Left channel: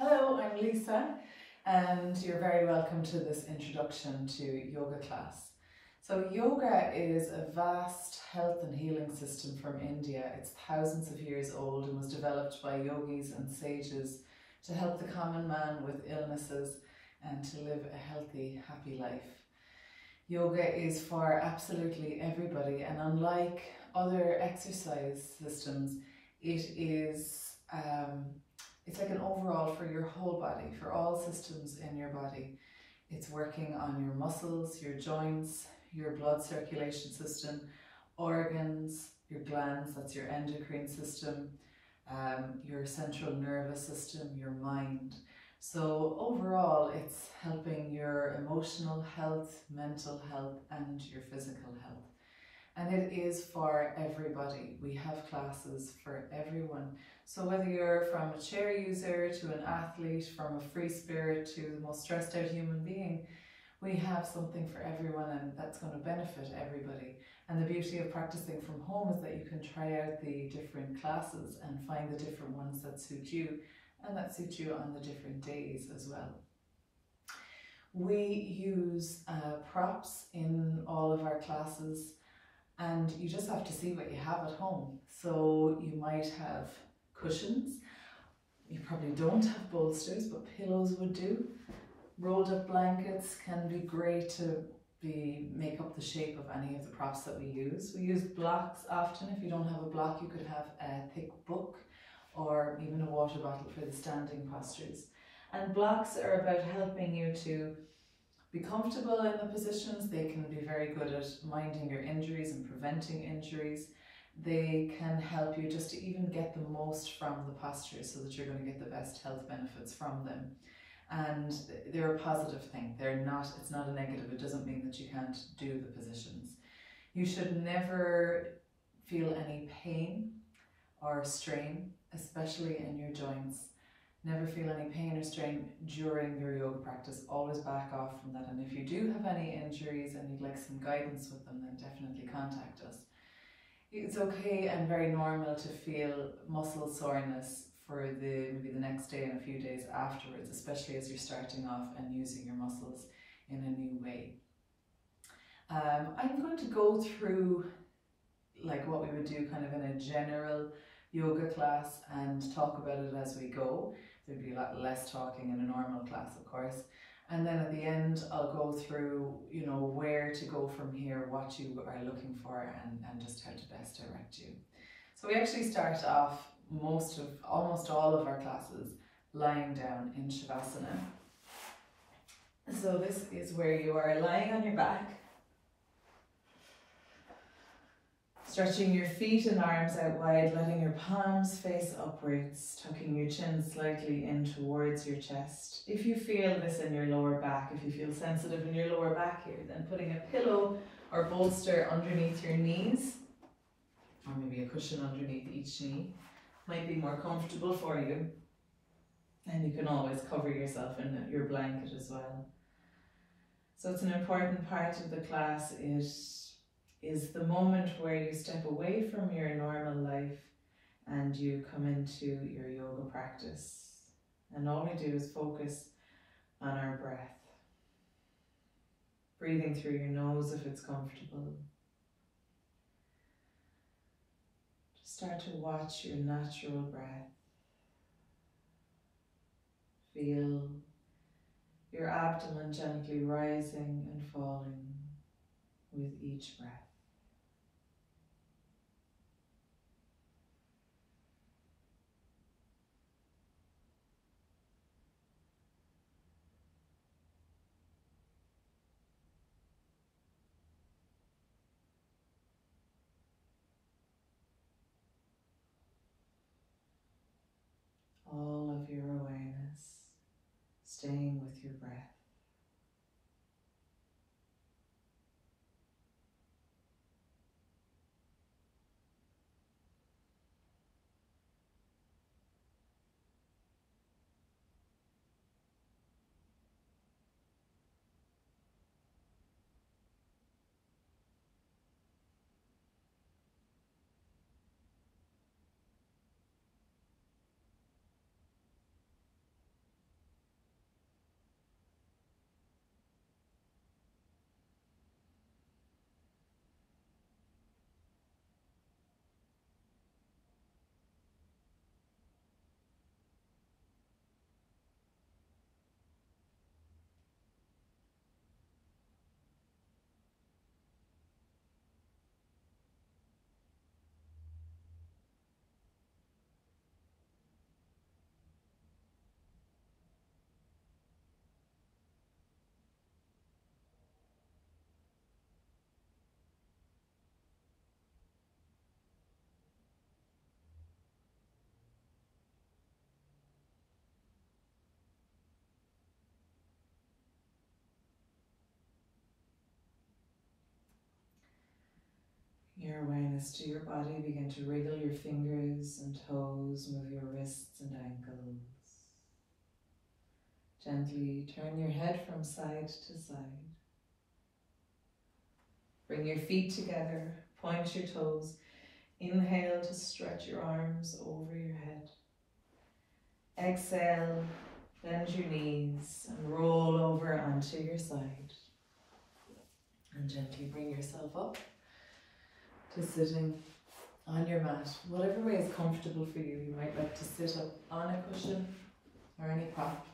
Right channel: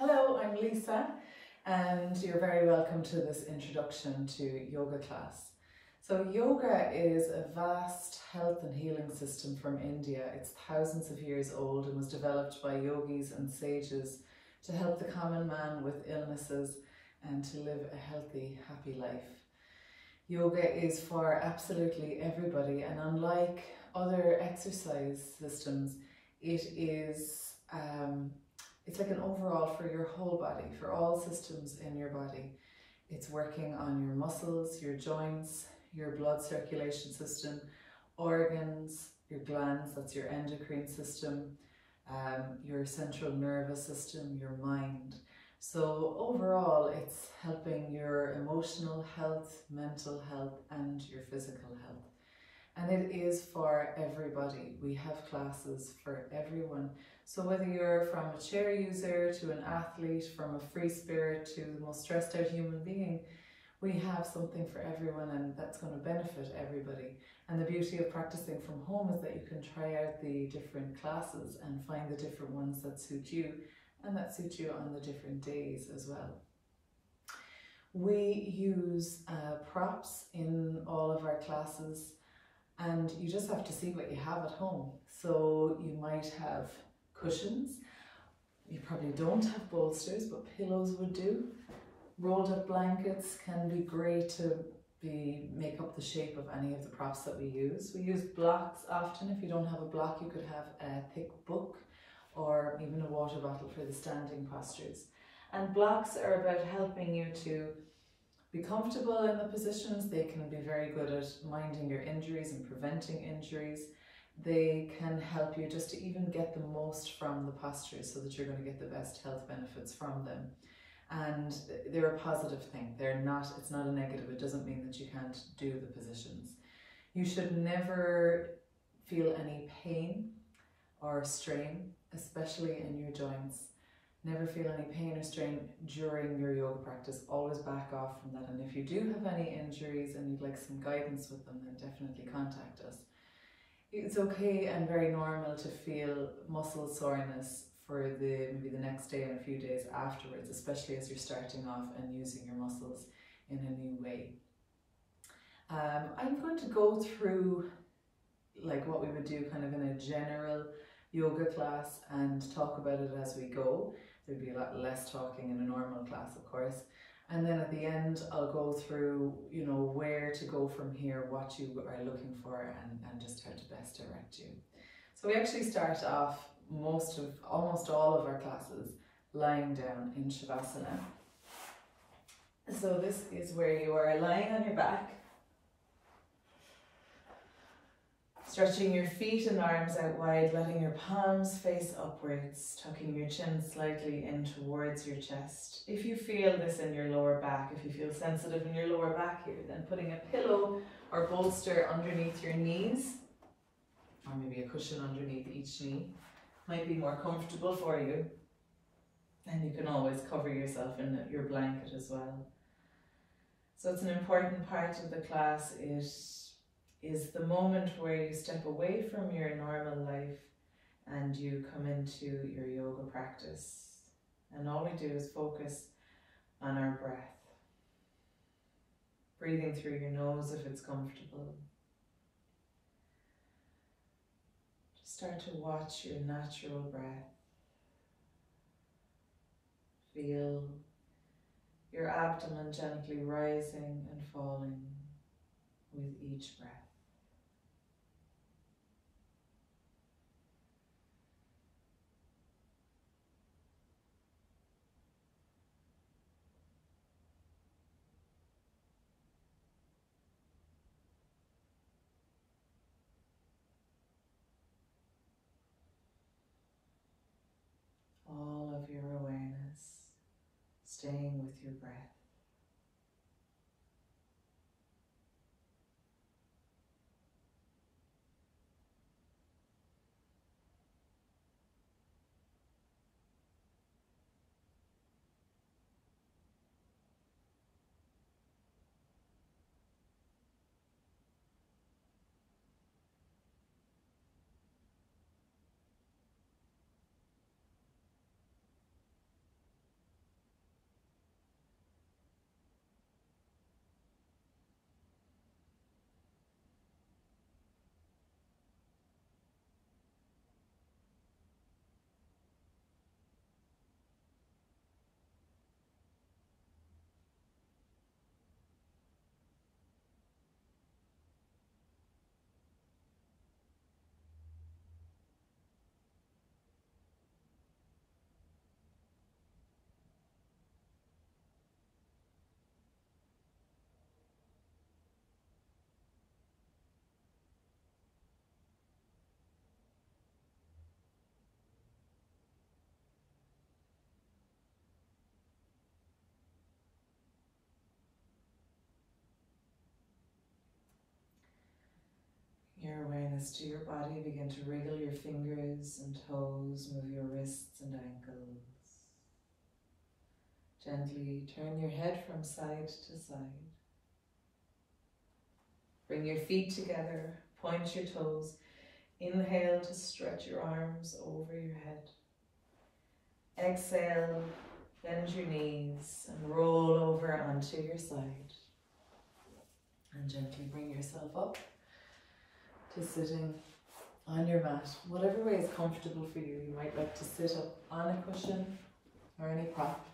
Hello, I'm Lisa, and you're very welcome to this introduction to yoga class. So yoga is a vast health and healing system from India. It's thousands of years old and was developed by yogis and sages to help the common man with illnesses and to live a healthy, happy life. Yoga is for absolutely everybody, and unlike other exercise systems, it's like an overall for your whole body, for all systems in your body. It's working on your muscles, your joints, your blood circulation system, organs, your glands, that's your endocrine system, your central nervous system, your mind. So overall, it's helping your emotional health, mental health, and your physical health. And it is for everybody. We have classes for everyone. So whether you're from a chair user to an athlete, from a free spirit to the most stressed out human being, we have something for everyone, and that's going to benefit everybody. And the beauty of practicing from home is that you can try out the different classes and find the different ones that suit you, and that suit you on the different days as well. We use props in all of our classes, and you just have to see what you have at home. So you might have cushions, you probably don't have bolsters, but pillows would do. Rolled up blankets can be great to make up the shape of any of the props that we use. We use blocks often. If you don't have a block, you could have a thick book or even a water bottle for the standing postures. And blocks are about helping you to be comfortable in the positions. They can be very good at minding your injuries and preventing injuries. They can help you just to even get the most from the postures so that you're going to get the best health benefits from them. And they're a positive thing. It's not a negative. It doesn't mean that you can't do the positions. You should never feel any pain or strain, especially in your joints. Never feel any pain or strain during your yoga practice. Always back off from that. And if you do have any injuries and you'd like some guidance with them, then definitely contact us. It's okay and very normal to feel muscle soreness for maybe the next day and a few days afterwards, especially as you're starting off and using your muscles in a new way. I'm going to go through like what we would do kind of in a general yoga class and talk about it as we go. There'd be a lot less talking in a normal class, of course. And then at the end, I'll go through, where to go from here, what you are looking for, and just how to best direct you. So we actually start off almost all of our classes lying down in Shavasana. So this is where you are lying on your back, stretching your feet and arms out wide, letting your palms face upwards, tucking your chin slightly in towards your chest. If you feel this in your lower back, if you feel sensitive in your lower back here, then putting a pillow or bolster underneath your knees, or maybe a cushion underneath each knee, might be more comfortable for you. And you can always cover yourself in your blanket as well. So it's an important part of the class. It is the moment where you step away from your normal life and you come into your yoga practice. And all we do is focus on our breath. Breathing through your nose if it's comfortable. Just start to watch your natural breath. Feel your abdomen gently rising and falling with each breath. All of your awareness staying with your breath. rest to your body. Begin to wriggle your fingers and toes, move your wrists and ankles. Gently turn your head from side to side. Bring your feet together, point your toes. Inhale to stretch your arms over your head. Exhale, bend your knees and roll over onto your side. And gently bring yourself up to sitting on your mat. Whatever way is comfortable for you. You might like to sit up on a cushion or any prop.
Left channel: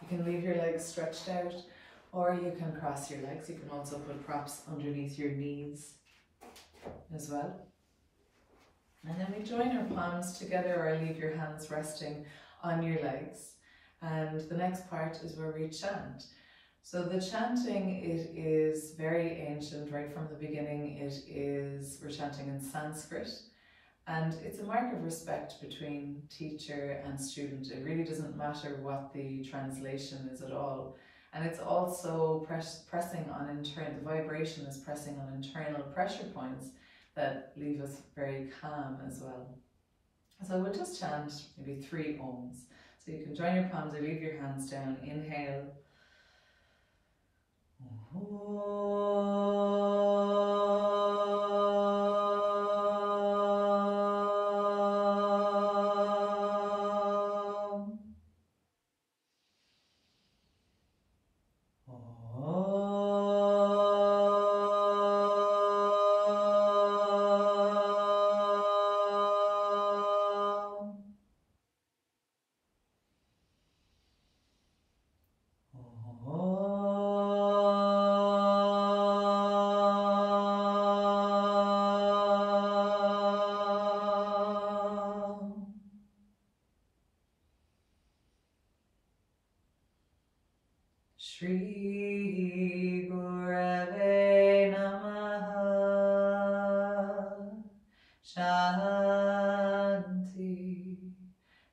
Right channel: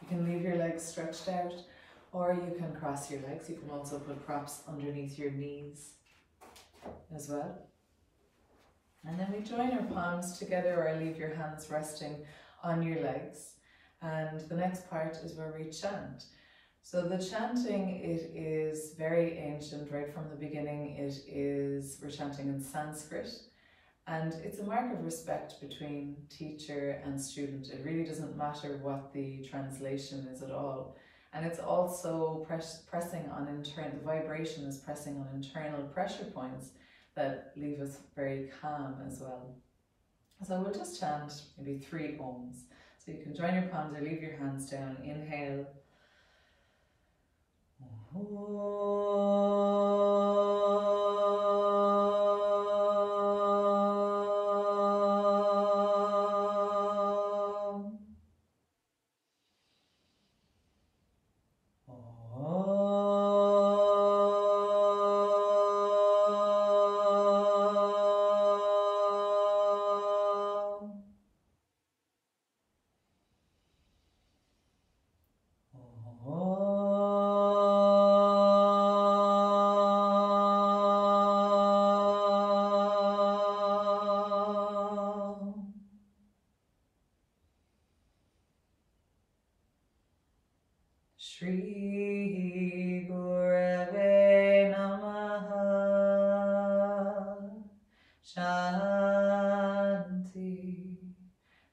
You can leave your legs stretched out, or you can cross your legs. You can also put props underneath your knees as well. And then we join our palms together, or leave your hands resting on your legs. And the next part is where we chant. So the chanting, it is very ancient, right from the beginning. We're chanting in Sanskrit, and it's a mark of respect between teacher and student. It really doesn't matter what the translation is at all. And it's also pressing on the vibration is pressing on internal pressure points that leave us very calm as well. So we'll just chant maybe 3 ohms. So you can join your palms or leave your hands down. Inhale. Shri Gurave Namaha. Shanti,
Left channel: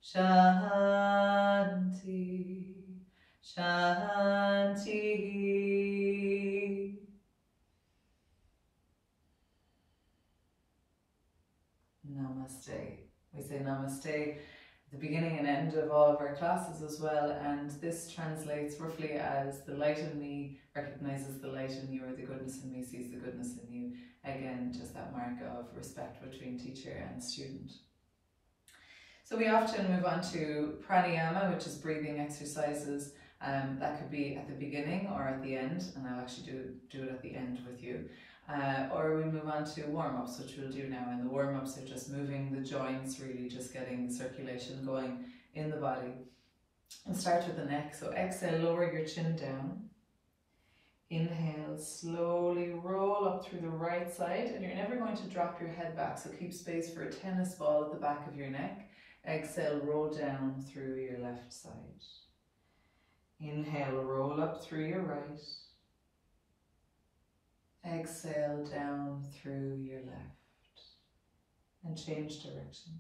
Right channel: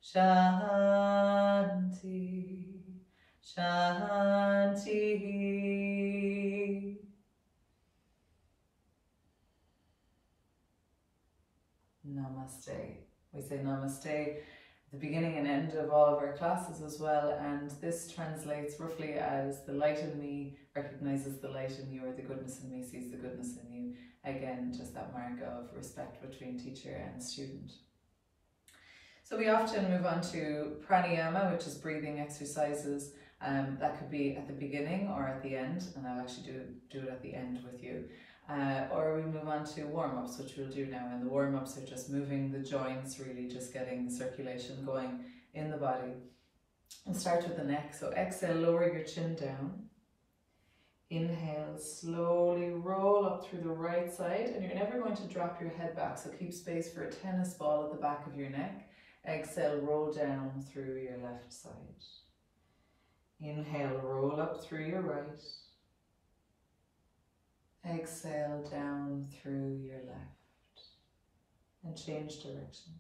Shanti, Shanti. Namaste. We say namaste the beginning and end of all of our classes as well, and this translates roughly as the light in me recognizes the light in you, or the goodness in me sees the goodness in you. Again, just that mark of respect between teacher and student. So we often move on to Pranayama, which is breathing exercises. That could be at the beginning or at the end, and I'll actually do it at the end with you. Or we move on to warm-ups, which we'll do now. And the warm-ups are just moving the joints, really just getting circulation going in the body. And start with the neck. So exhale, lower your chin down. Inhale, slowly roll up through the right side, and you're never going to drop your head back, so keep space for a tennis ball at the back of your neck. Exhale, roll down through your left side. Inhale, roll up through your right. Exhale, down through your left. And change direction.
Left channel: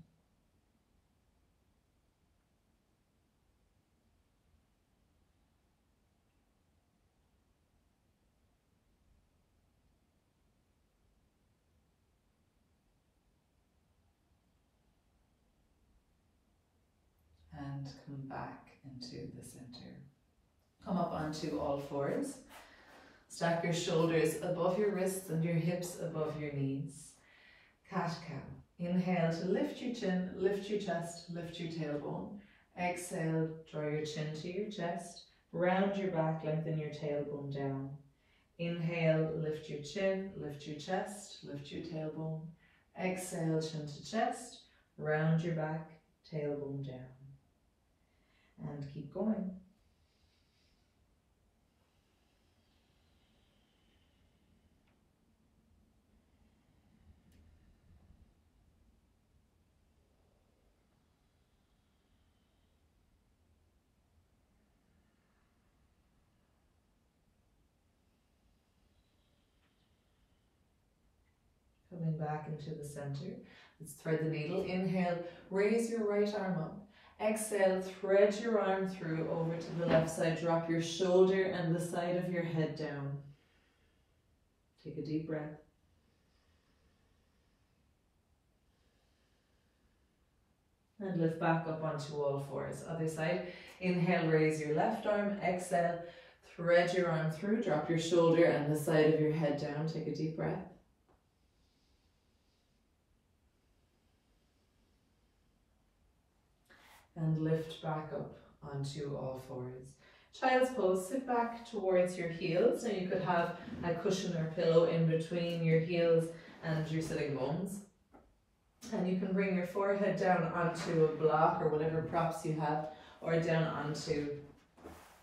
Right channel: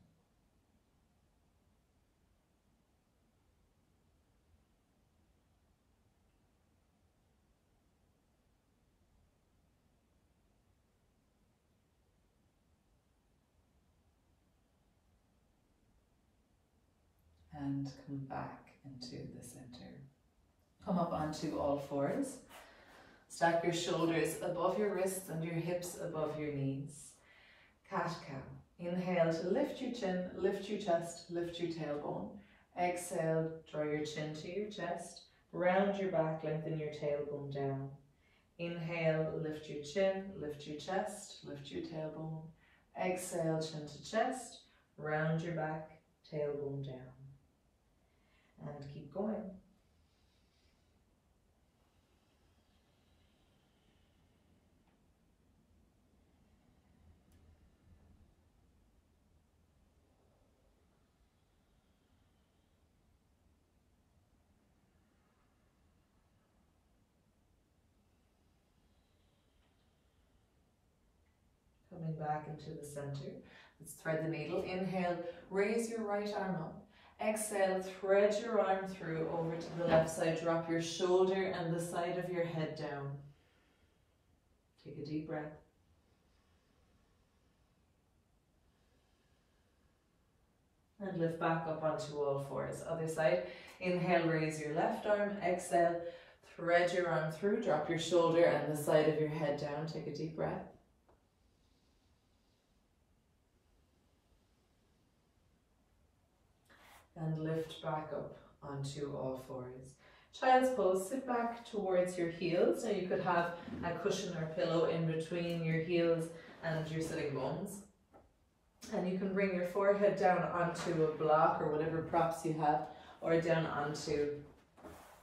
And come back into the center. Come up onto all fours. Stack your shoulders above your wrists and your hips above your knees. Cat-cow. Inhale to lift your chin, lift your chest, lift your tailbone. Exhale, draw your chin to your chest. Round your back, lengthen your tailbone down. Inhale, lift your chin, lift your chest, lift your tailbone. Exhale, chin to chest, round your back, tailbone down. And keep going. Coming back into the center. Let's thread the needle. Inhale, raise your right arm up. Exhale, thread your arm through over to the left side. Drop your shoulder and the side of your head down. Take a deep breath. And lift back up onto all fours. Other side. Inhale, raise your left arm. Exhale, thread your arm through. Drop your shoulder and the side of your head down. Take a deep breath. And lift back up onto all fours. Child's pose, sit back towards your heels. So you could have a cushion or pillow in between your heels and your sitting bones. And you can bring your forehead down onto a block or whatever props you have, or down onto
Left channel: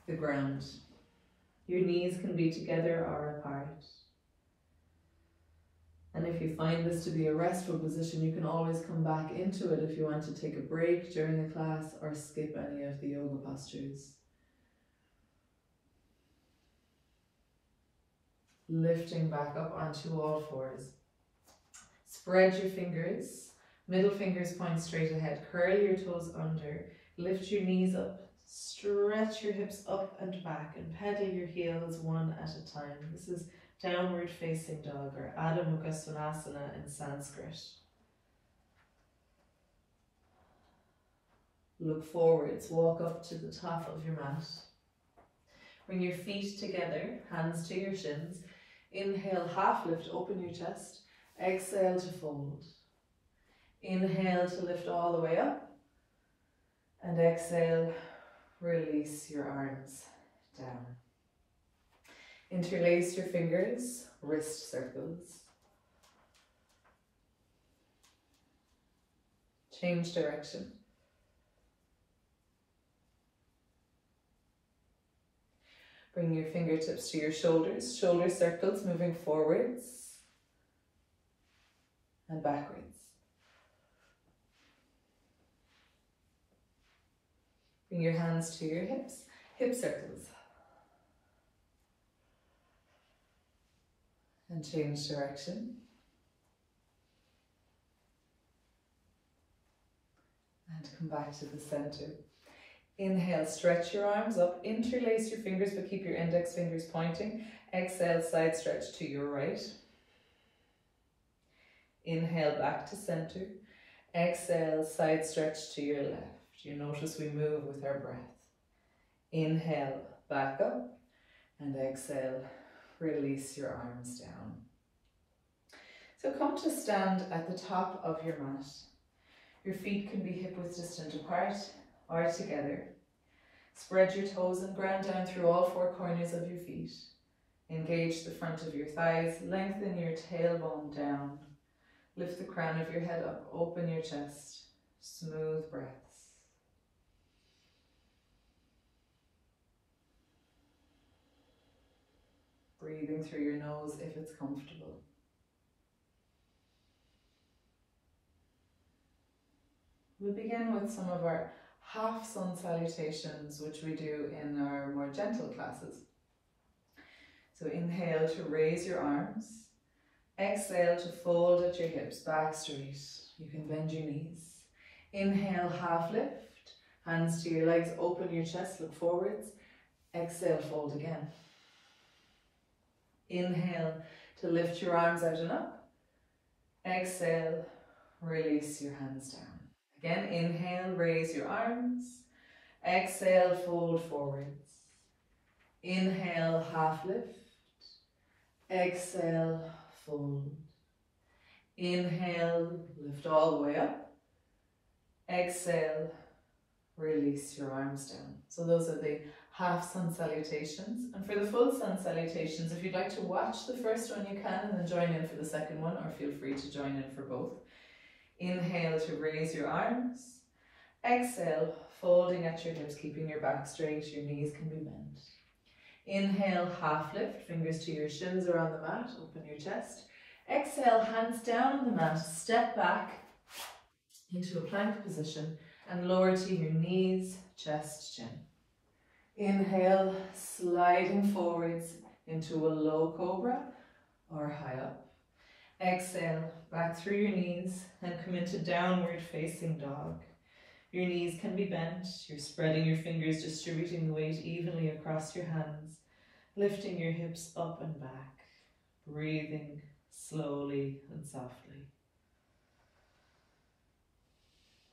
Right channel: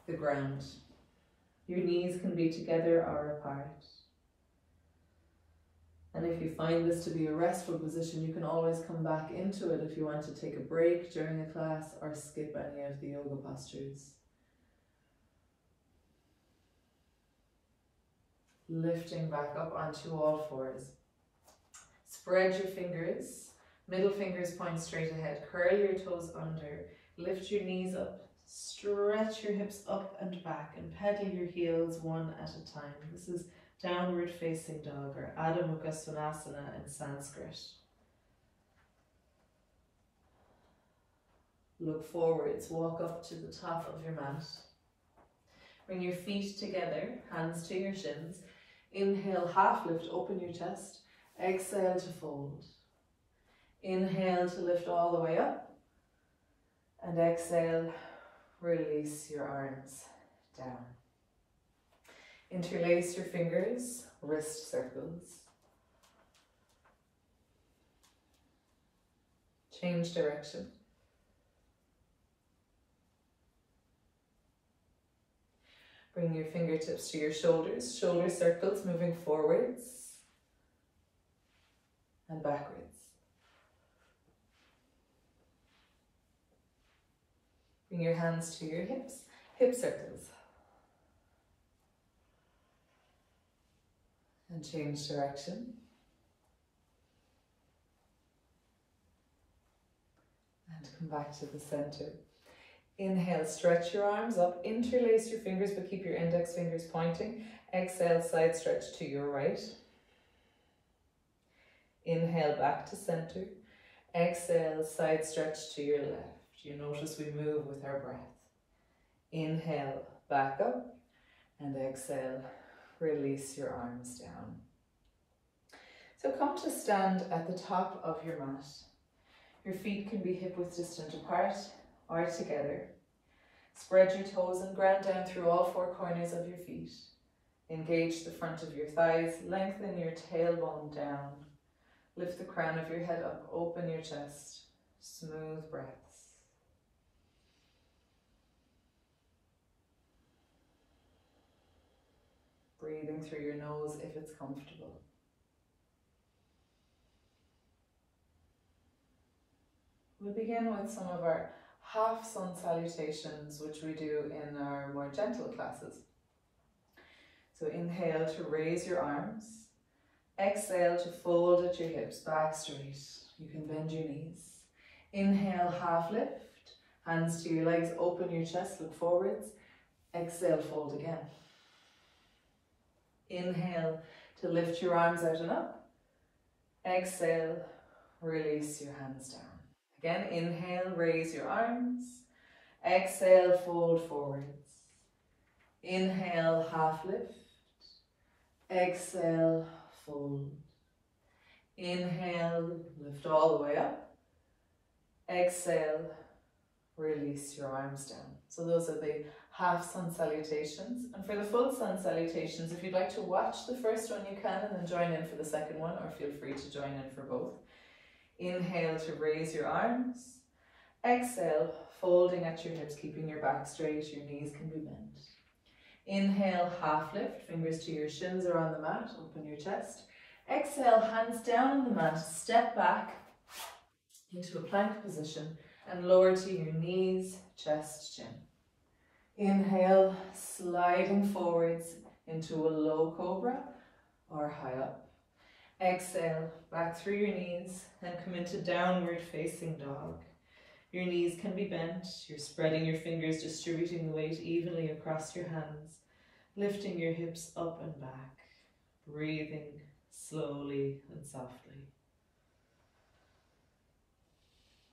the ground. Your knees can be together or apart. And if you find this to be a restful position, you can always come back into it if you want to take a break during the class or skip any of the yoga postures. Lifting back up onto all fours. Spread your fingers, middle fingers point straight ahead, curl your toes under, lift your knees up, stretch your hips up and back and pedal your heels one at a time. This is downward facing dog or Adho Mukha Svanasana in Sanskrit. Look forwards, walk up to the top of your mat. Bring your feet together, hands to your shins. Inhale, half lift, open your chest. Exhale to fold. Inhale to lift all the way up. And exhale, release your arms down. Interlace your fingers, wrist circles. Change direction. Bring your fingertips to your shoulders, shoulder circles moving forwards and backwards. Bring your hands to your hips, hip circles. And change direction. And come back to the center. Inhale, stretch your arms up, interlace your fingers but keep your index fingers pointing. Exhale, side stretch to your right. Inhale, back to center. Exhale, side stretch to your left. You notice we move with our breath. Inhale, back up, and exhale, release your arms down. So come to stand at the top of your mat. Your feet can be hip width distant apart or together. Spread your toes and ground down through all four corners of your feet. Engage the front of your thighs, lengthen your tailbone down. Lift the crown of your head up, open your chest, smooth breaths. Breathing through your nose if it's comfortable. We'll begin with some of our half sun salutations, which we do in our more gentle classes. So inhale to raise your arms. Exhale to fold at your hips, back straight. You can bend your knees. Inhale, half lift. Hands to your legs, open your chest, look forwards. Exhale, fold again. Inhale to lift your arms out and up. Exhale, release your hands down. Again, inhale, raise your arms. Exhale, fold forwards. Inhale, half lift. Exhale, fold. Inhale, lift all the way up. Exhale, release your arms down. So those are the half sun salutations. And for the full sun salutations, if you'd like to watch the first one, you can, and then join in for the second one, or feel free to join in for both. Inhale to raise your arms. Exhale, folding at your hips, keeping your back straight, your knees can be bent. Inhale, half lift, fingers to your shins or on the mat, open your chest. Exhale, hands down on the mat, step back into a plank position and lower to your knees, chest, chin. Inhale, sliding forwards into a low cobra or high up. Exhale, back through your knees and come into downward facing dog. Your knees can be bent, you're spreading your fingers, distributing the weight evenly across your hands, lifting your hips up and back, breathing slowly and softly.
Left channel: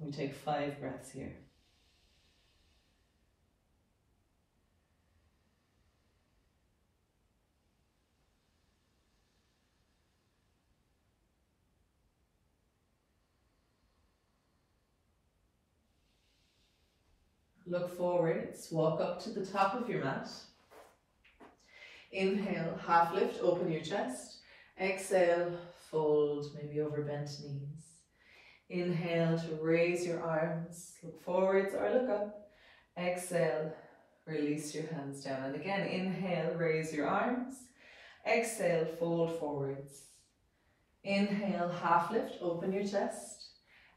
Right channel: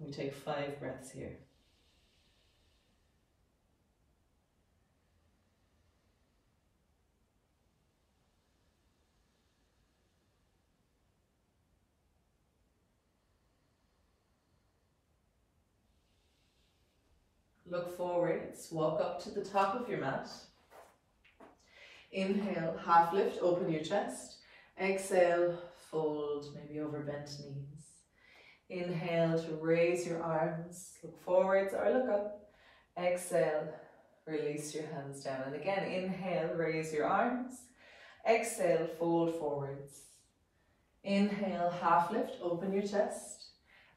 We take 5 breaths here. Look forwards, walk up to the top of your mat. Inhale, half lift, open your chest. Exhale, fold, maybe over bent knees. Inhale to raise your arms, look forwards or look up. Exhale, release your hands down. And again, inhale, raise your arms. Exhale, fold forwards. Inhale, half lift, open your chest.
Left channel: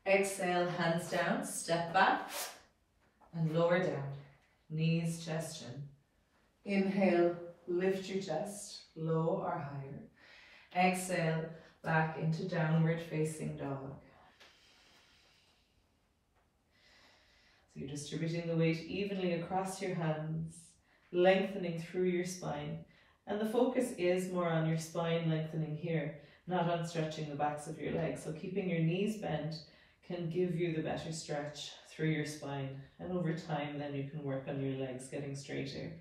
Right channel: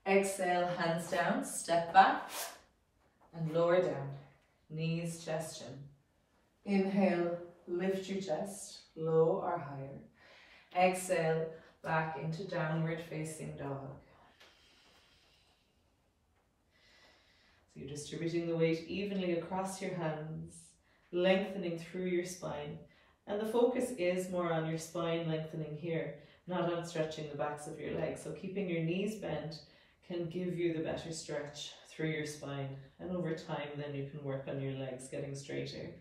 Exhale, hands down, step back and lower down. Knees, chest, chin. Inhale, lift your chest, low or higher. Exhale, back into downward facing dog. So you're distributing the weight evenly across your hands, lengthening through your spine. And the focus is more on your spine lengthening here, not on stretching the backs of your legs. So keeping your knees bent can give you the better stretch through your spine. And over time, then you can work on your legs getting straighter.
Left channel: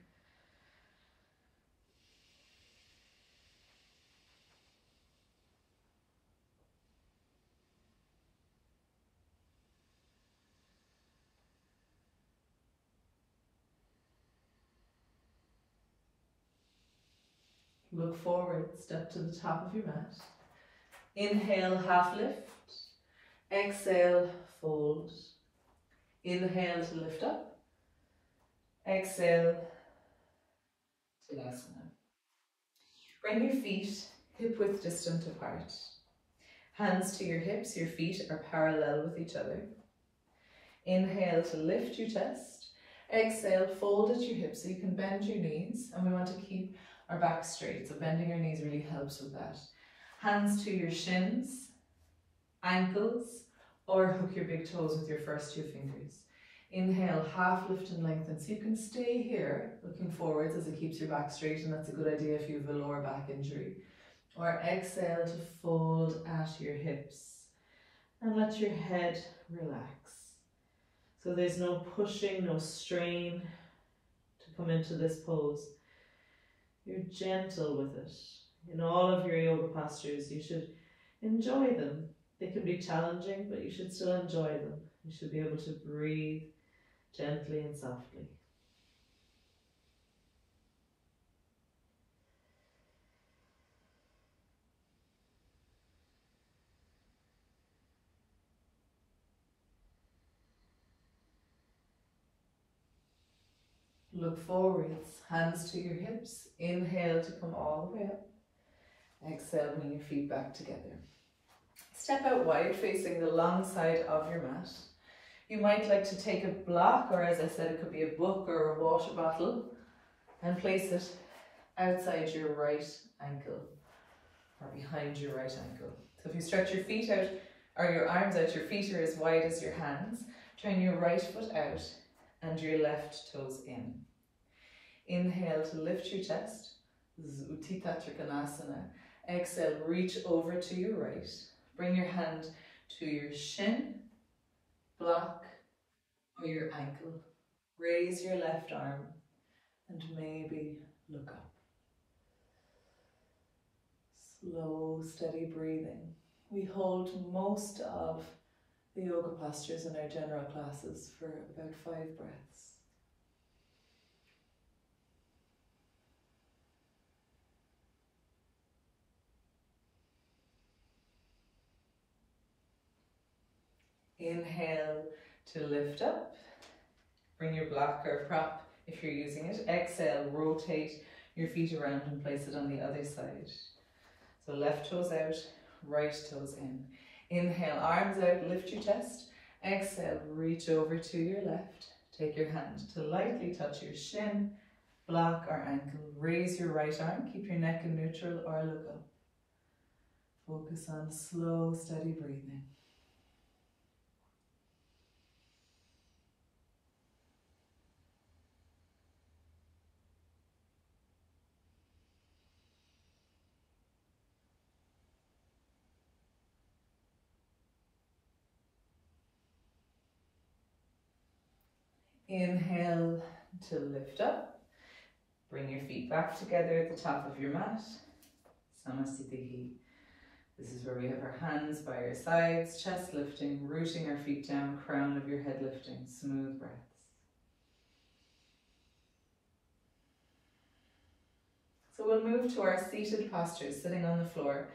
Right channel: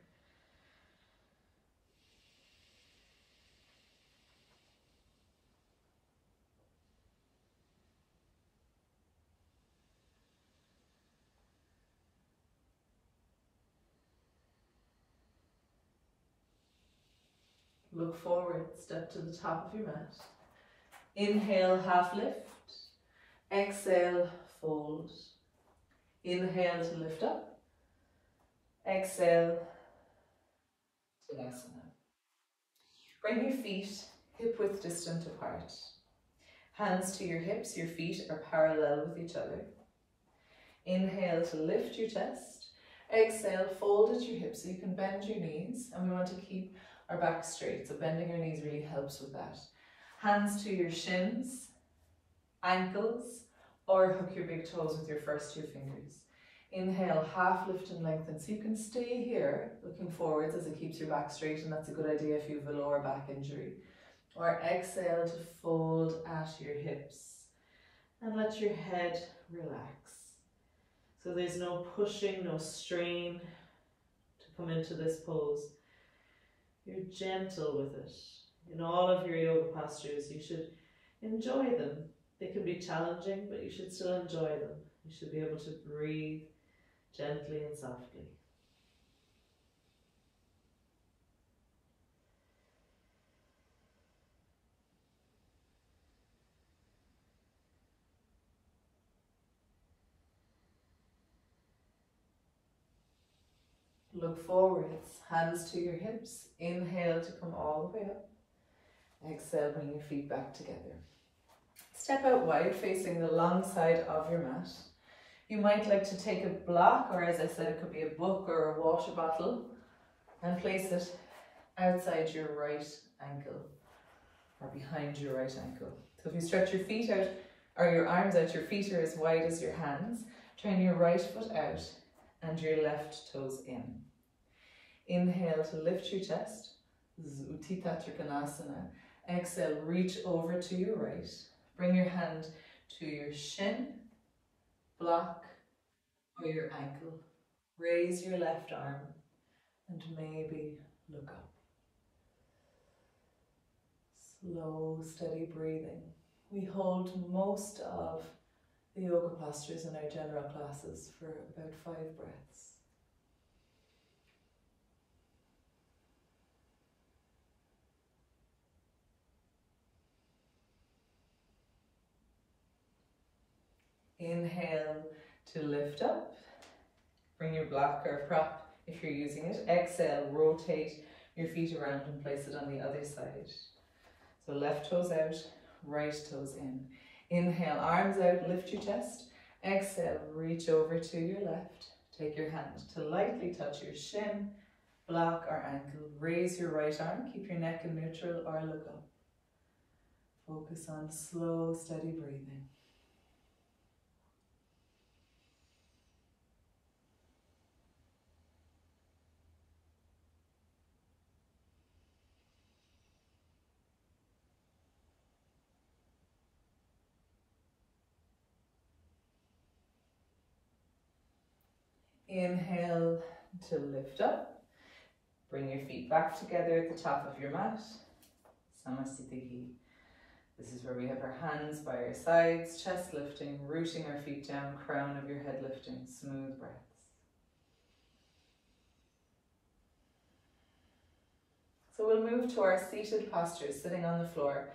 Look forward, step to the top of your mat. Inhale, half lift. Exhale, fold. Inhale to lift up. Exhale, Vinyasa. Bring your feet hip width distant apart. Hands to your hips, your feet are parallel with each other. Inhale to lift your chest. Exhale, fold at your hips so you can bend your knees, and we want to keep our back straight, so bending your knees really helps with that. Hands to your shins, ankles, or hook your big toes with your first 2 fingers. Inhale, half lift and lengthen, so you can stay here looking forwards as it keeps your back straight, and that's a good idea if you have a lower back injury. Or exhale to fold at your hips and let your head relax. So there's no pushing, no strain to come into this pose. You're gentle with it. In all of your yoga postures, you should enjoy them. They can be challenging, but you should still enjoy them. You should be able to breathe gently and softly. Look forwards, hands to your hips. Inhale to come all the way up. Exhale, bring your feet back together. Step out wide, facing the long side of your mat. You might like to take a block, or as I said, it could be a book or a water bottle, and place it outside your right ankle or behind your right ankle. So if you stretch your feet out or your arms out, your feet are as wide as your hands. Turn your right foot out and your left toes in. Inhale to lift your chest, Untitled Chapter. Exhale, reach over to your right. Bring your hand to your shin, block, or your ankle. Raise your left arm and maybe look up. Slow, steady breathing. We hold most of the yoga postures in our general classes for about 5 breaths. Inhale to lift up. Bring your block or prop if you're using it. Exhale, rotate your feet around and place it on the other side. So left toes out, right toes in. Inhale, arms out, lift your chest. Exhale, reach over to your left. Take your hand to lightly touch your shin, block or ankle. Raise your right arm, keep your neck in neutral or look up. Focus on slow, steady breathing. Inhale to lift up. Bring your feet back together at the top of your mat. Samasthiti. This is where we have our hands by our sides, chest lifting, rooting our feet down, crown of your head lifting, smooth breaths. So we'll move to our seated posture, sitting on the floor.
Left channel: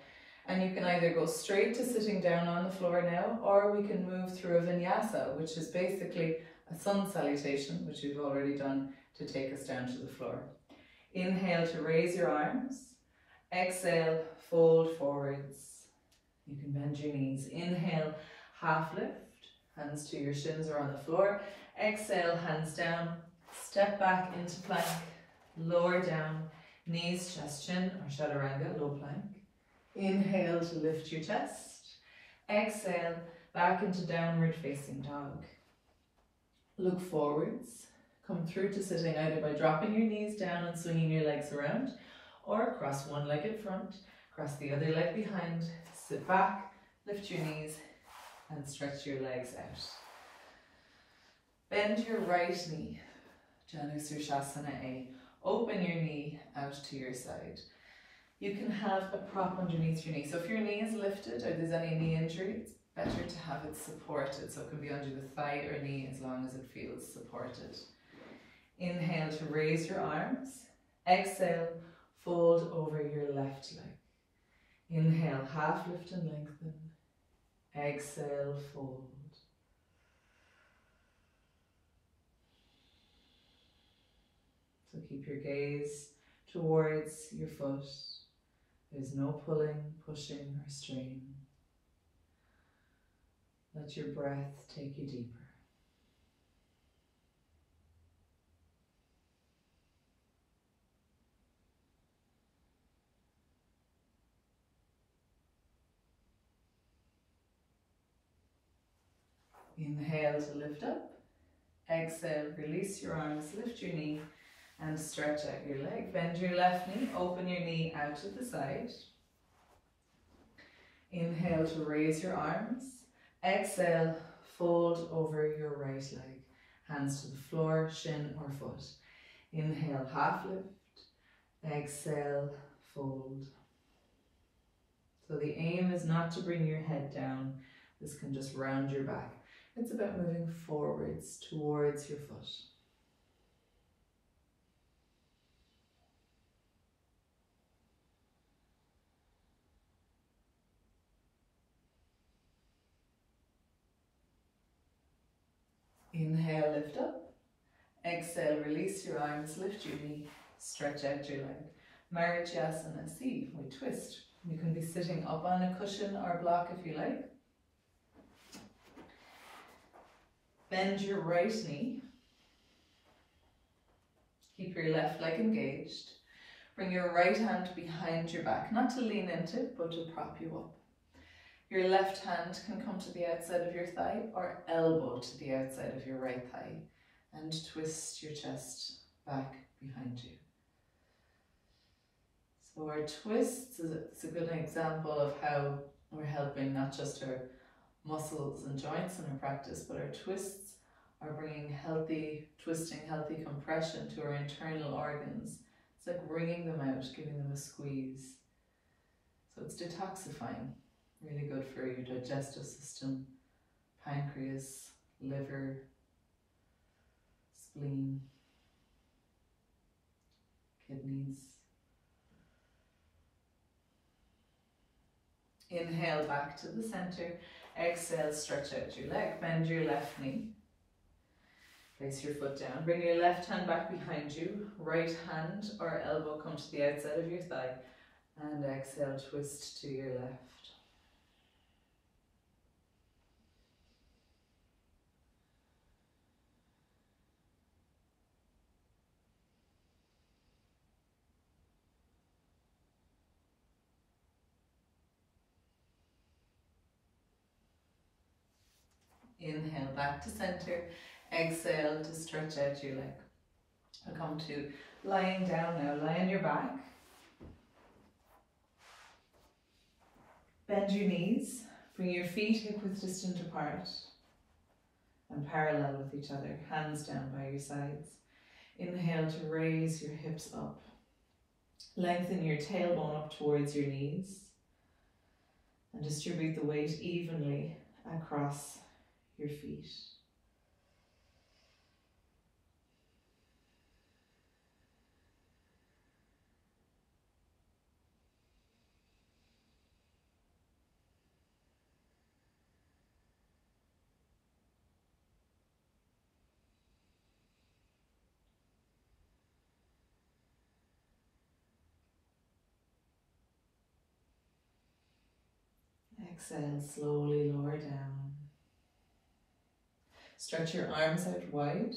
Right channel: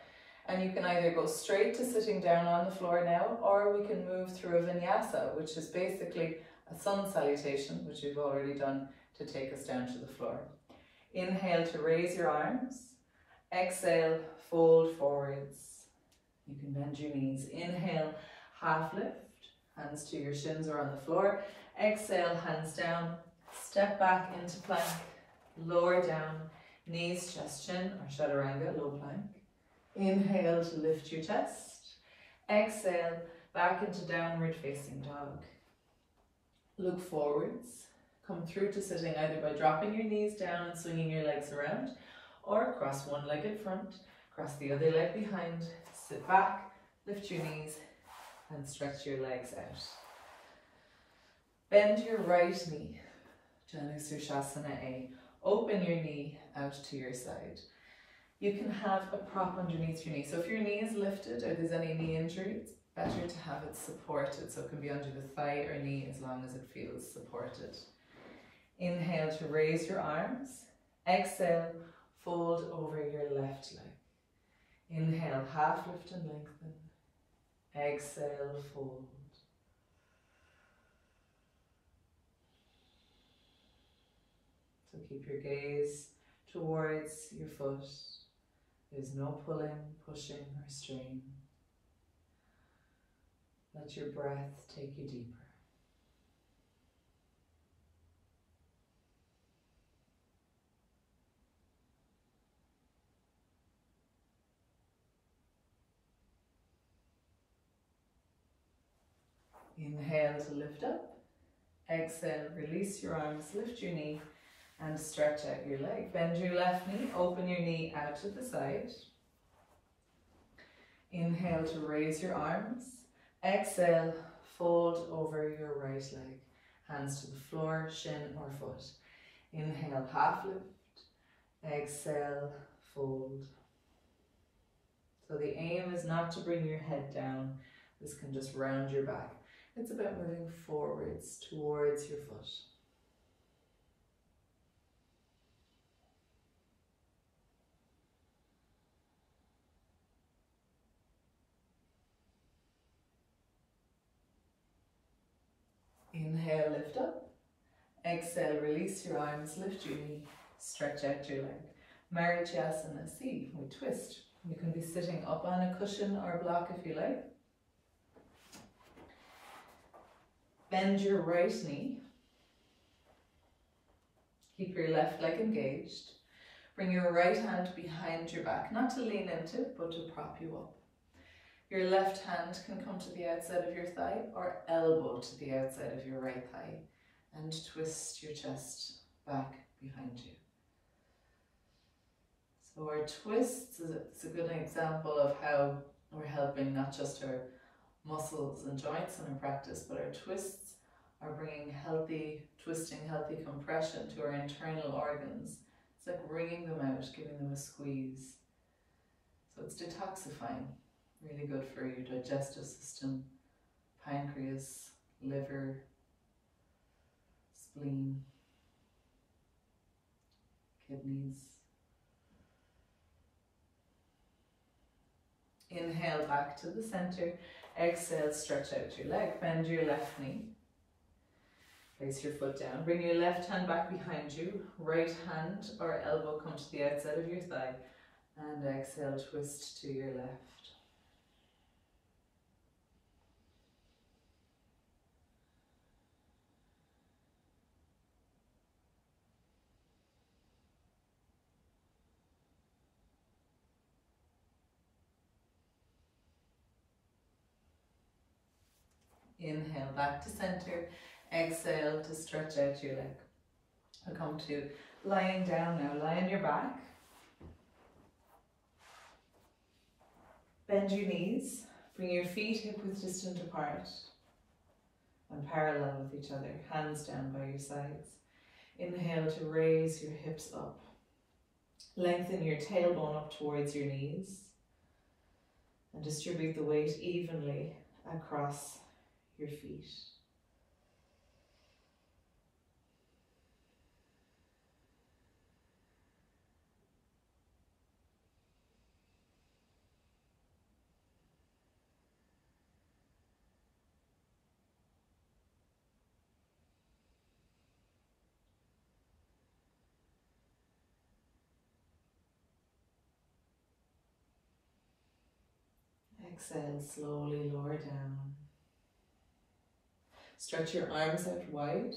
And you can either go straight to sitting down on the floor now, or we can move through a Vinyasa, which is basically a Sun Salutation, which we've already done to take us down to the floor. Inhale to raise your arms. Exhale, fold forwards. You can bend your knees. Inhale, half lift, hands to your shins or on the floor. Exhale, hands down, step back into plank, lower down, knees, chest, chin, or chaturanga, low plank. Inhale to lift your chest. Exhale, back into downward facing dog. Look forwards. Come through to sitting either by dropping your knees down and swinging your legs around, or cross one leg at front, cross the other leg behind, sit back, lift your knees and stretch your legs out. Bend your right knee, Janu Shavasana A. Open your knee out to your side. You can have a prop underneath your knee. So if your knee is lifted or there's any knee injury, it's better to have it supported. So it can be under the thigh or knee as long as it feels supported. Inhale to raise your arms. Exhale, fold over your left leg. Inhale, half lift and lengthen. Exhale, fold. So keep your gaze towards your foot. There's no pulling, pushing, or strain. Let your breath take you deeper. Inhale to lift up. Exhale, release your arms, lift your knee and stretch out your leg. Bend your left knee, open your knee out to the side. Inhale to raise your arms. Exhale, fold over your right leg. Hands to the floor, shin or foot. Inhale, half lift. Exhale, fold. So the aim is not to bring your head down. This can just round your back. It's about moving forwards towards your foot. Inhale, lift up. Exhale, release your arms, lift your knee, stretch out your leg. Marichyasana C, we twist. You can be sitting up on a cushion or block if you like. Bend your right knee. Keep your left leg engaged. Bring your right hand behind your back, not to lean into, but to prop you up. Your left hand can come to the outside of your thigh or elbow to the outside of your right thigh, and twist your chest back behind you. So our twists is a good example of how we're helping not just our muscles and joints in our practice, but our twists are bringing healthy twisting, healthy compression to our internal organs. It's like wringing them out, giving them a squeeze. So it's detoxifying, really good for your digestive system, pancreas, liver, spleen, kidneys. Inhale back to the center. Exhale, stretch out your leg. Bend your left knee. Place your foot down. Bring your left hand back behind you. Right hand or elbow come to the outside of your thigh. And exhale, twist to your left. Inhale back to center. Exhale to stretch out your leg. I'll come to lying down now. Lie on your back. Bend your knees. Bring your feet hip width distant apart. and parallel with each other, hands down by your sides. Inhale to raise your hips up. Lengthen your tailbone up towards your knees and distribute the weight evenly across your feet. Exhale, slowly lower down. Stretch your arms out wide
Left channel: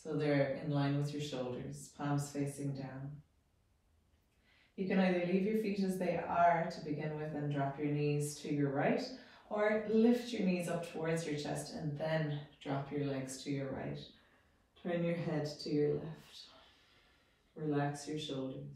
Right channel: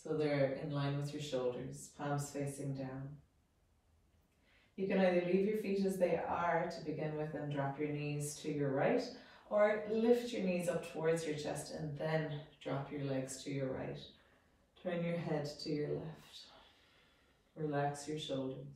so they're in line with your shoulders, palms facing down. You can either leave your feet as they are to begin with and drop your knees to your right, or lift your knees up towards your chest and then drop your legs to your right. Turn your head to your left. Relax your shoulders.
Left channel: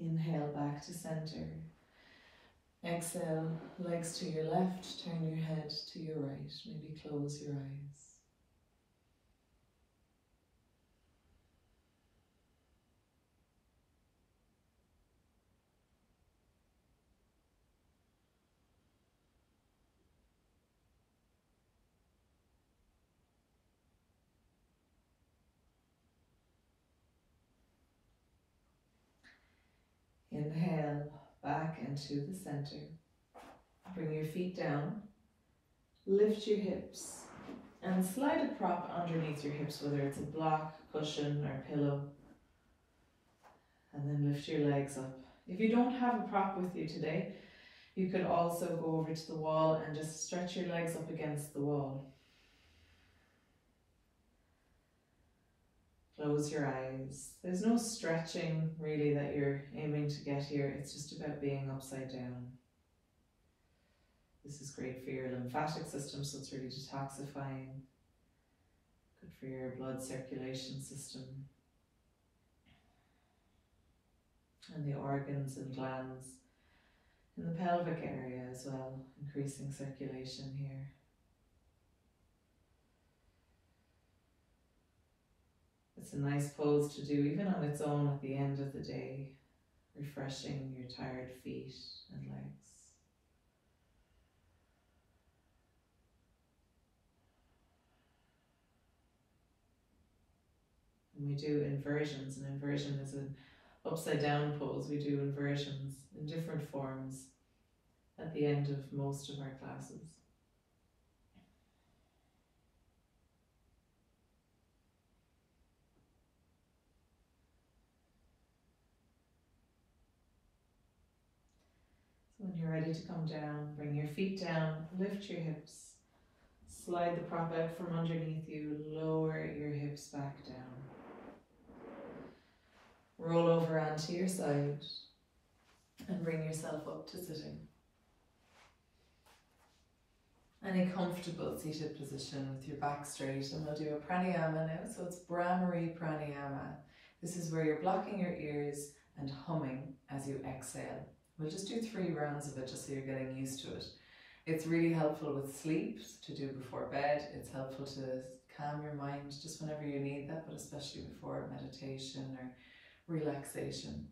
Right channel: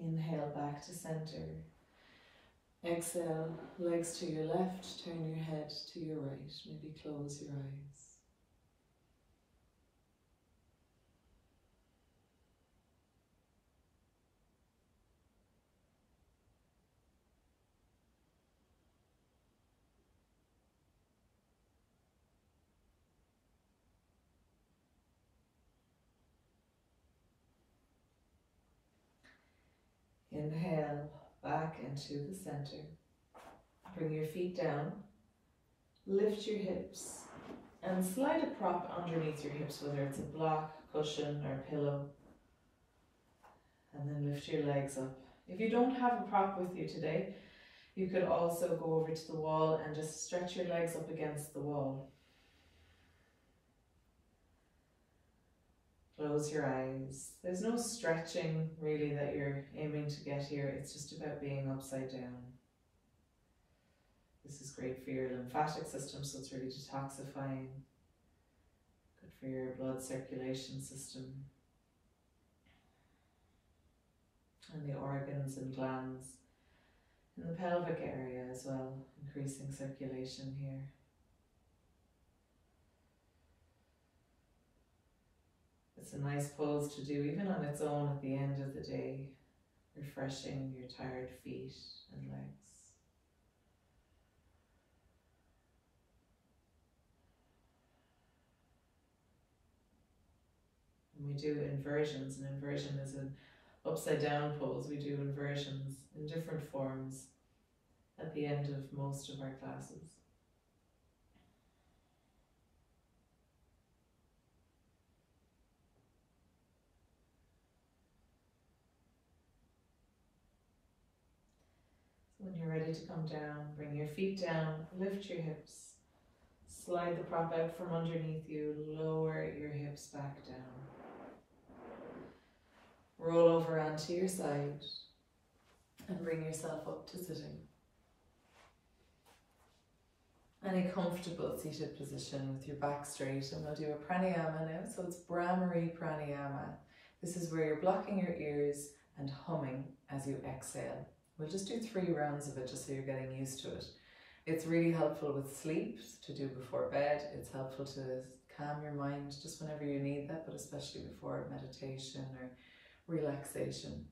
Inhale back to center. Exhale, legs to your left, turn your head to your right. Maybe close your eyes. Inhale back into the center. Bring your feet down. Lift your hips and slide a prop underneath your hips, whether it's a block, cushion, or pillow. And then lift your legs up. If you don't have a prop with you today, you could also go over to the wall and just stretch your legs up against the wall. Close your eyes. There's no stretching really that you're aiming to get here. It's just about being upside down. This is great for your lymphatic system, so it's really detoxifying. Good for your blood circulation system. And the organs and glands in the pelvic area as well, increasing circulation here. It's a nice pose to do even on its own at the end of the day, refreshing your tired feet and legs. And we do inversions. An inversion is an upside down pose. We do inversions in different forms at the end of most of our classes. So when you're ready to come down, bring your feet down, lift your hips, slide the prop out from underneath you, lower your hips back down. Roll over onto your side and bring yourself up to sitting. Any comfortable seated position with your back straight, and we'll do a pranayama now. So it's Brahmari Pranayama. This is where you're blocking your ears and humming as you exhale. We'll just do 3 rounds of it just so you're getting used to it. It's really helpful with sleep to do before bed. It's helpful to calm your mind just whenever you need that, but especially before meditation or relaxation.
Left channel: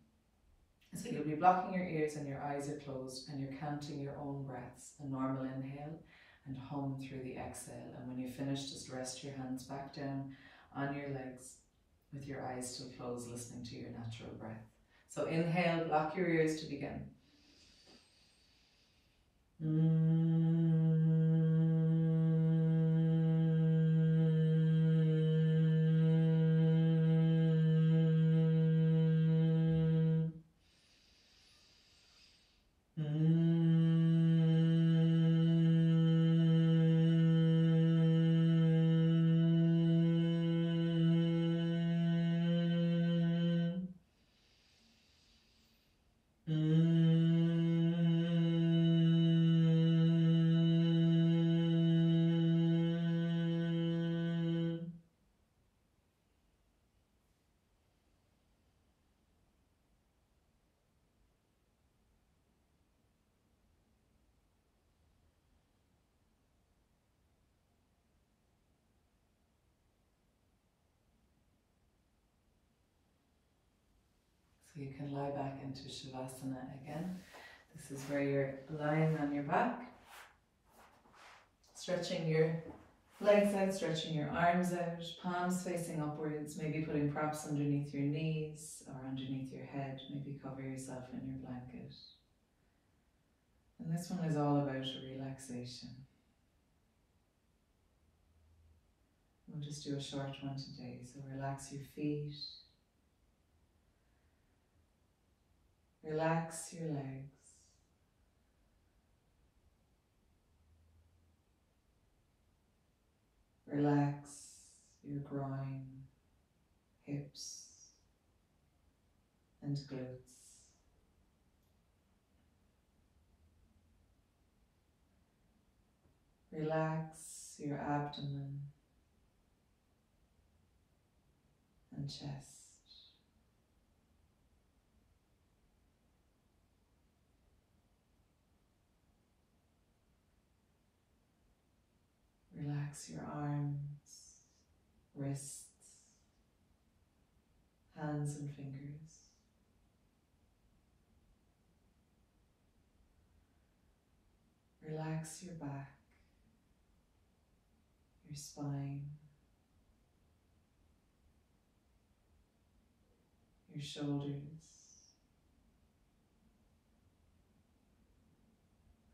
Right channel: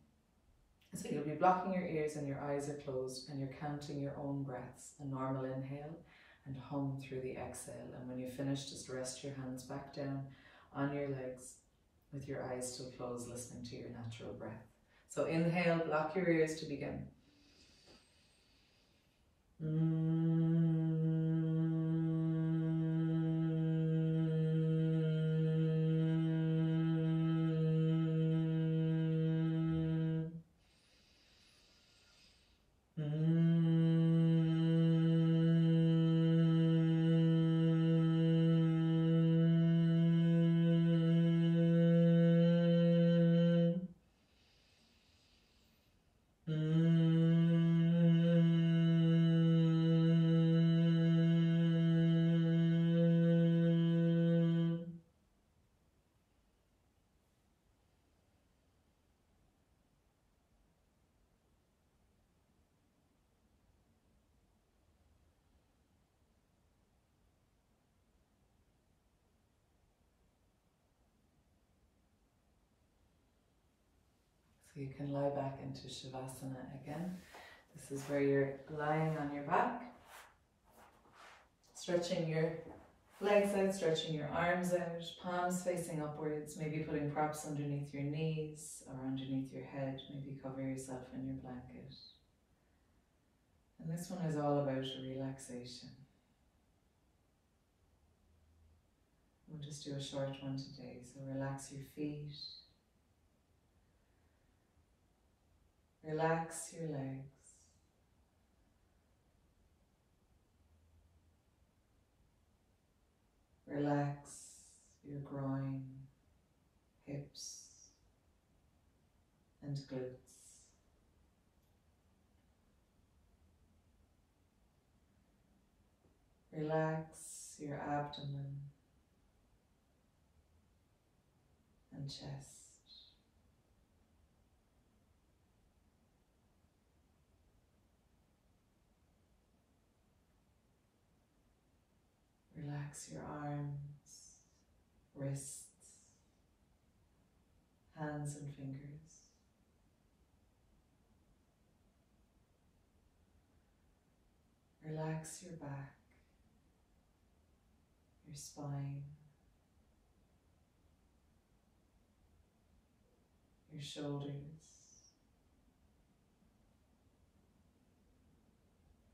So you'll be blocking your ears and your eyes are closed and you're counting your own breaths, a normal inhale and hum through the exhale. And when you finish, just rest your hands back down on your legs with your eyes still closed, listening to your natural breath. So inhale, block your ears to begin. So you can lie back into Shavasana again. This is where you're lying on your back, stretching your legs out, stretching your arms out, palms facing upwards, maybe putting props underneath your knees or underneath your head, maybe cover yourself in your blanket. And this one is all about relaxation. We'll just do a short one today, so relax your feet. Relax your legs. Relax your groin, hips, and glutes. Relax your abdomen and chest. Relax your arms, wrists, hands and fingers. Relax your back, your spine, your shoulders,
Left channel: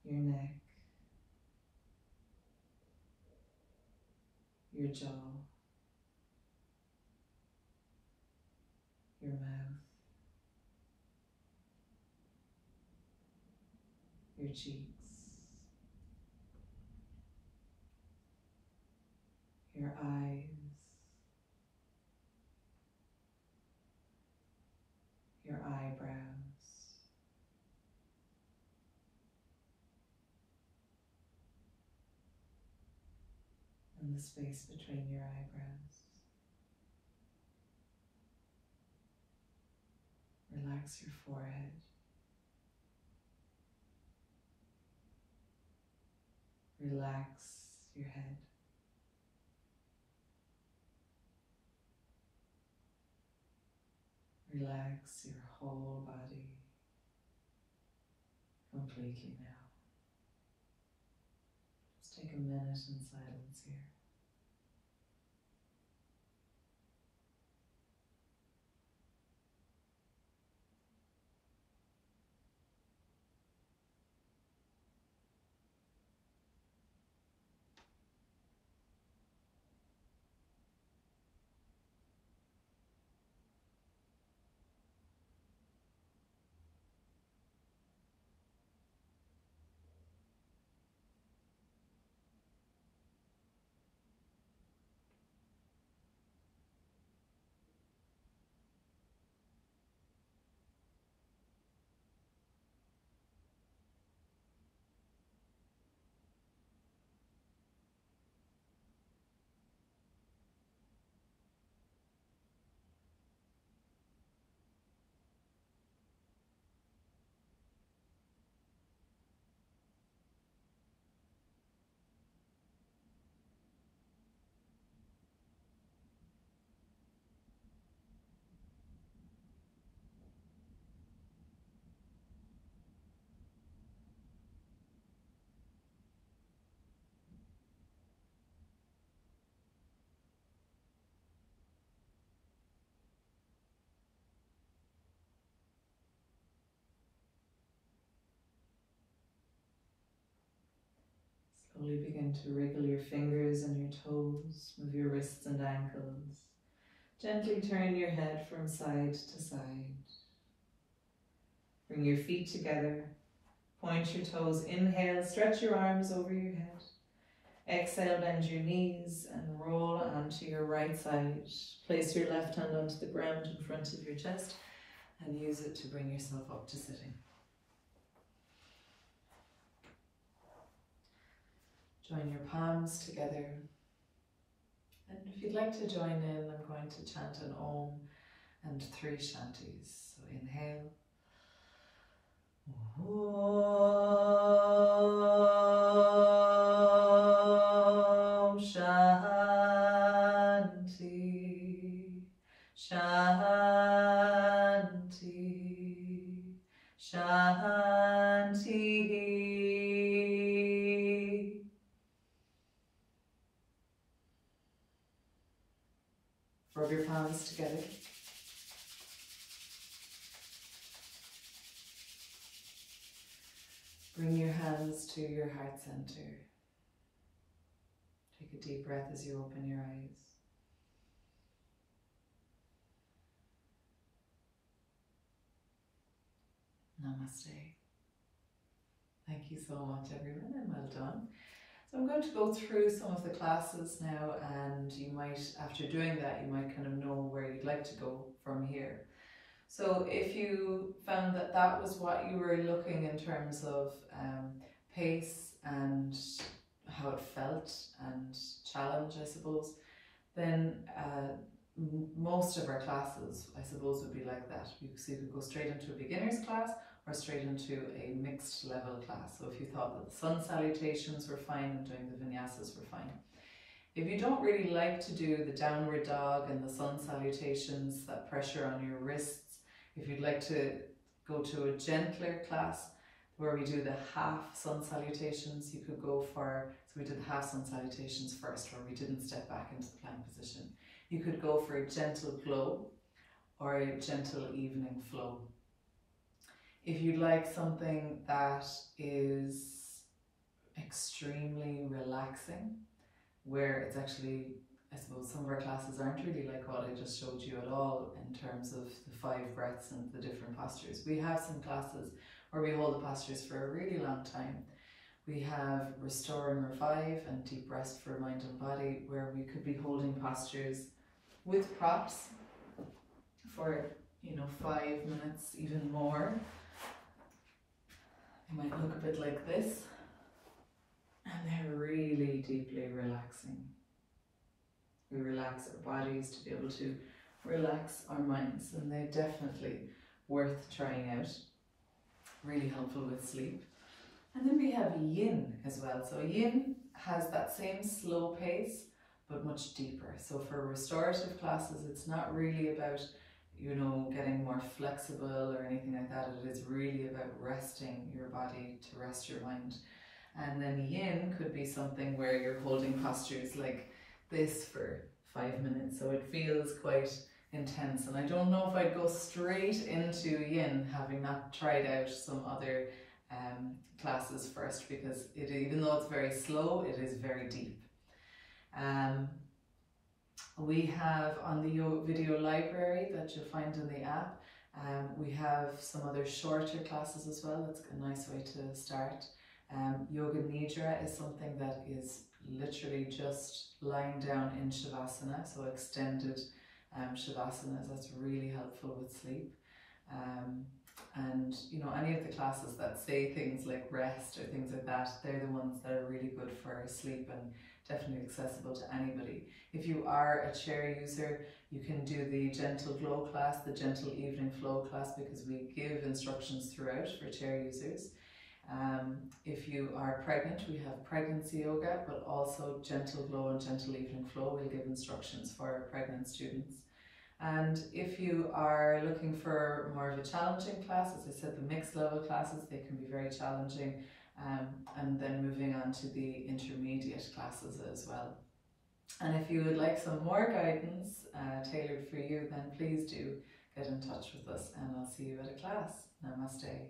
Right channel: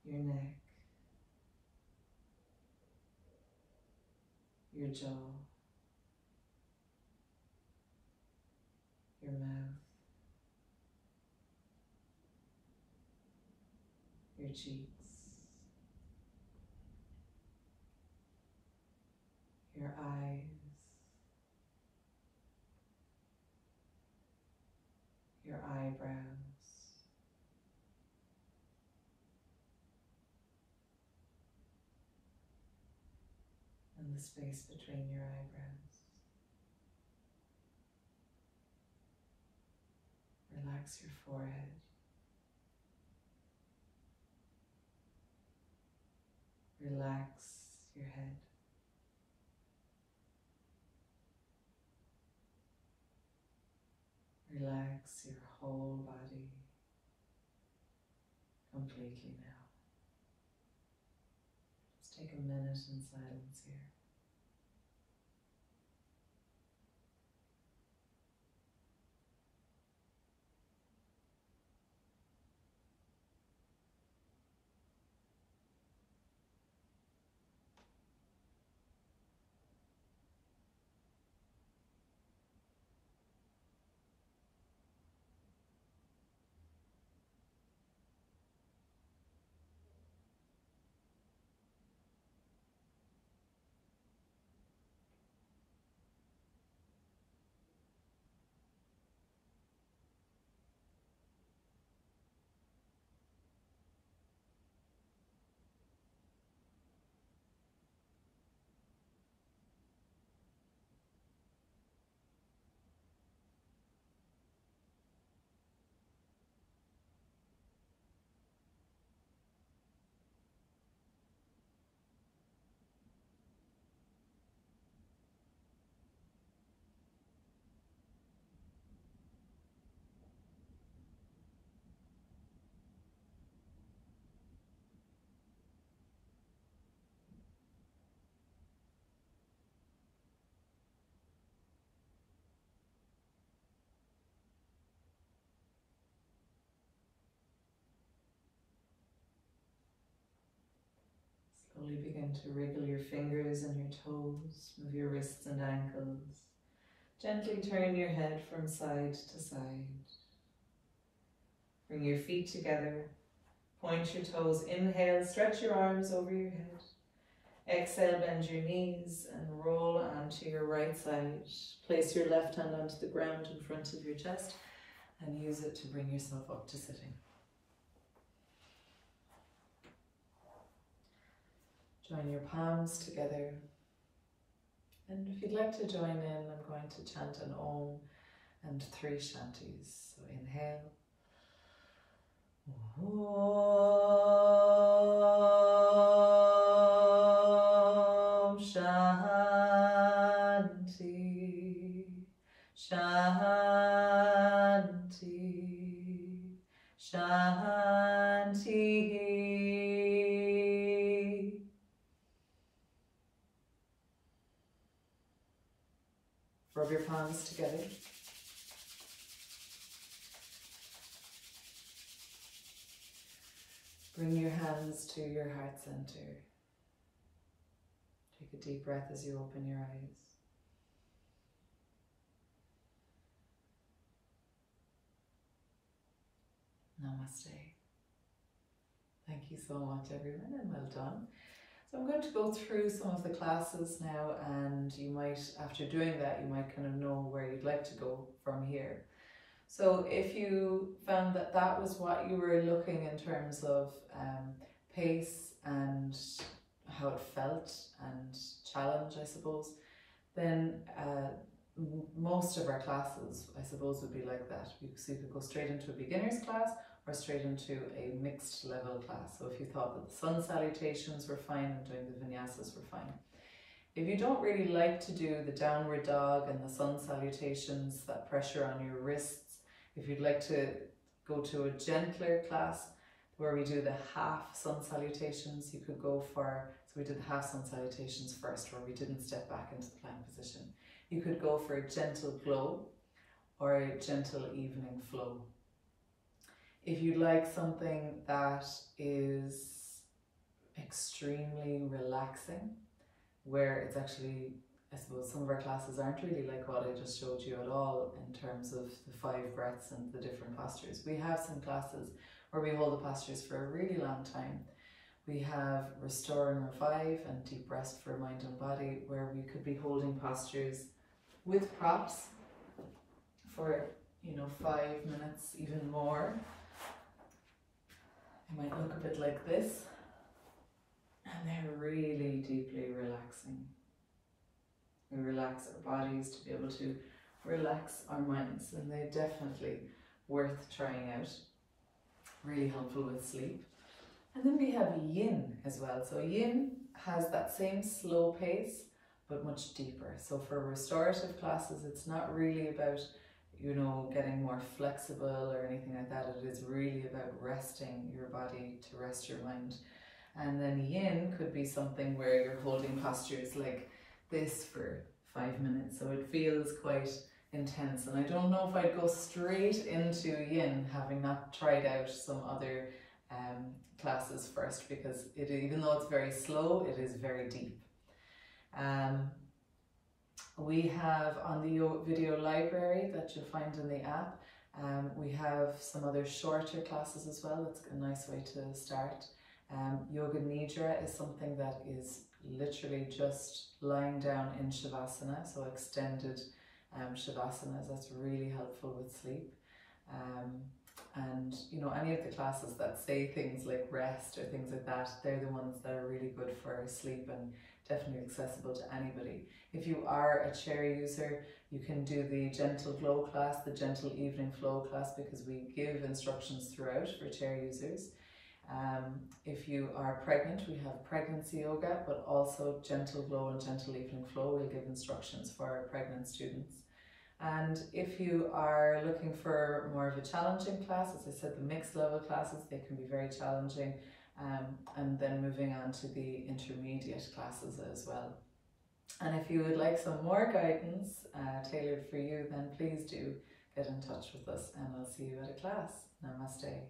your neck, your jaw, your mouth, your cheeks, your eyes, your eyebrows, and the space between your eyebrows. Relax your forehead. Relax your head. Relax your whole body completely now. Just take a minute in silence here. Slowly begin to wriggle your fingers and your toes, move your wrists and ankles. Gently turn your head from side to side. Bring your feet together, point your toes, inhale, stretch your arms over your head. Exhale, bend your knees and roll onto your right side. Place your left hand onto the ground in front of your chest and use it to bring yourself up to sitting. Join your palms together. And if you'd like to join in, I'm going to chant an Om and 3 shantis. So inhale. Om Shanti, Shanti, Shanti. Rub your palms together. Bring your hands to your heart center. Take a deep breath as you open your eyes. Namaste. Thank you so much, everyone, and well done. So I'm going to go through some of the classes now, and you might, after doing that, you might kind of know where you'd like to go from here. So if you found that that was what you were looking in terms of pace and how it felt and challenge, I suppose, then most of our classes, I suppose, would be like that. So you could go straight into a beginner's class or straight into a mixed level class. So if you thought that the Sun Salutations were fine and doing the Vinyasas were fine. If you don't really like to do the downward dog and the Sun Salutations, that pressure on your wrists, if you'd like to go to a gentler class where we do the half Sun Salutations, you could go for, so we did the half Sun Salutations first, where we didn't step back into the plank position. You could go for a gentle glow or a gentle evening flow. If you'd like something that is extremely relaxing, where it's actually, I suppose some of our classes aren't really like what I just showed you at all in terms of the 5 breaths and the different postures. We have some classes where we hold the postures for a really long time. We have Restore and Revive and Deep Rest for Mind and Body, where we could be holding postures with props for, 5 minutes, even more. They might look a bit like this, and they're really deeply relaxing. We relax our bodies to be able to relax our minds, and they're definitely worth trying out. Really helpful with sleep. And then we have Yin as well. So Yin has that same slow pace, but much deeper. So for restorative classes, it's not really about, getting more flexible or anything like that. It is really about resting your body to rest your mind. And then Yin could be something where you're holding postures like this for 5 minutes, so it feels quite intense. And I don't know if I'd go straight into Yin, having not tried out some other classes first, because even though it's very slow, it is very deep. We have on the video library that you'll find in the app, we have some other shorter classes as well. That's a nice way to start. Yoga Nidra is something that is literally just lying down in Shavasana, so extended Shavasanas. That's really helpful with sleep. And any of the classes that say things like rest or things like that, they're the ones that are really good for sleep and definitely accessible to anybody. If you are a chair user, you can do the gentle glow class, the gentle evening flow class, because we give instructions throughout for chair users. If you are pregnant, we have pregnancy yoga, but also gentle glow and gentle evening flow. We'll give instructions for pregnant students. And if you are looking for more of a challenging class, as I said, the mixed level classes, they can be very challenging. And then moving on to the intermediate classes as well. And if you would like some more guidance tailored for you, then please do get in touch with us, and I'll see you at a class. Namaste.